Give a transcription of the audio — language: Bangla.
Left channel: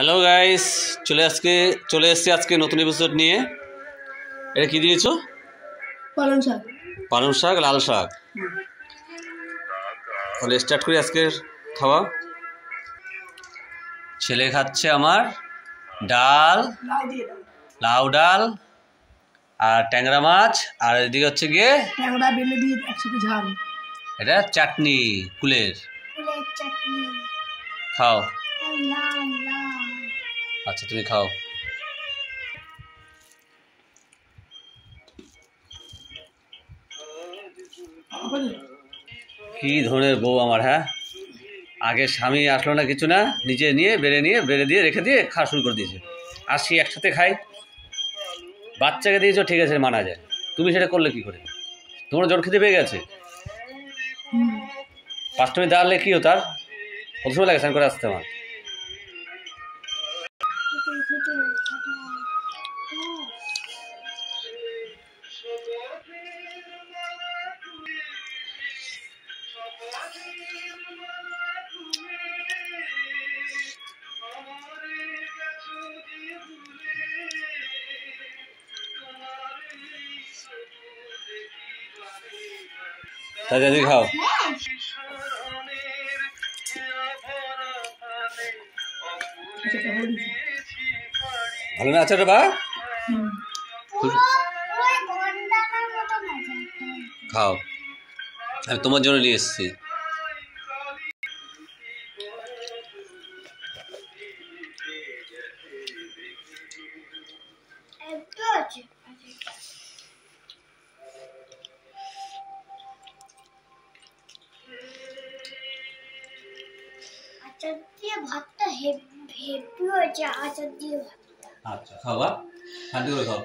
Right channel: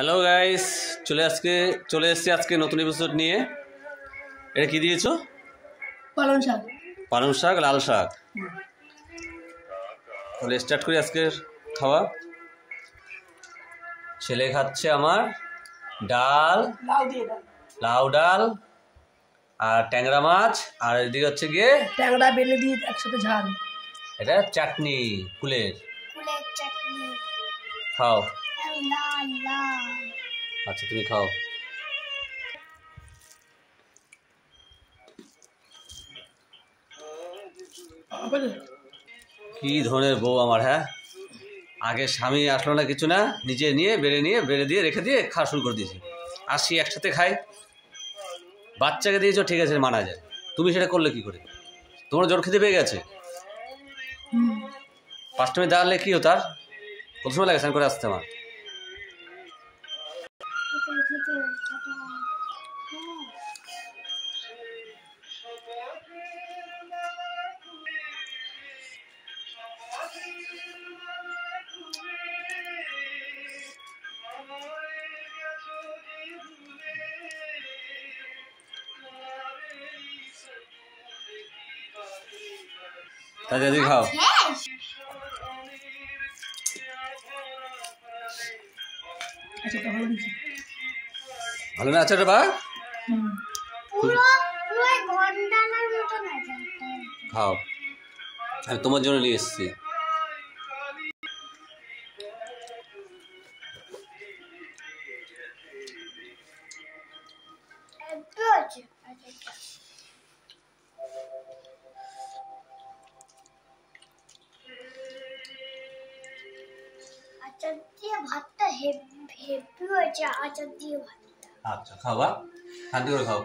হ্যালো গাইস, চলে এসেছি আজকে নতুন এপিসোড নিয়ে। এটা কি দিয়েছো? পালং শাক। পালং শাক, লাল শাক। তাহলে স্টার্ট করি আজকের খাওয়া। ছেলে খাচ্ছে আমার ডাল, লাউ ডাল আর ট্যাংরা মাছ, আর এদিকে হচ্ছে গিয়ে ট্যাংরা বেলে দিয়ে একসাথে ঝাল। এটা চাটনি, কুলের চাটনি। খাও। লাল লাল। আচ্ছা তুমি খাও। কি ধরনের বউ আমার! হ্যাঁ, আগে স্বামী আসলো না কিছু না, নিজে নিয়ে বেড়ে দিয়ে রেখে দিয়ে খাওয়া শুরু করে দিয়েছে। আসি একসাথে খাই। বাচ্চাকে দিয়েছো ঠিক আছে, মানা যায়। তুমি সেটা করলে কি করে? তোমার জোর খেতে পেয়ে গেছে। 5 মিনিট দাঁড়ালে কি হতো? আর কত সময় লাগে স্নান করে আসতে আমার? তাড়াতাড়ি খাও। ভালো না আছে রে বা? খাও, আমি তোমার জন্য নিয়ে এসেছি। আচার দিয়ে ভাতটা হেভি হয়েছে। আচার দিয়ে ভাতটা। আচ্ছা খাও, বা শান্তি করে খাও।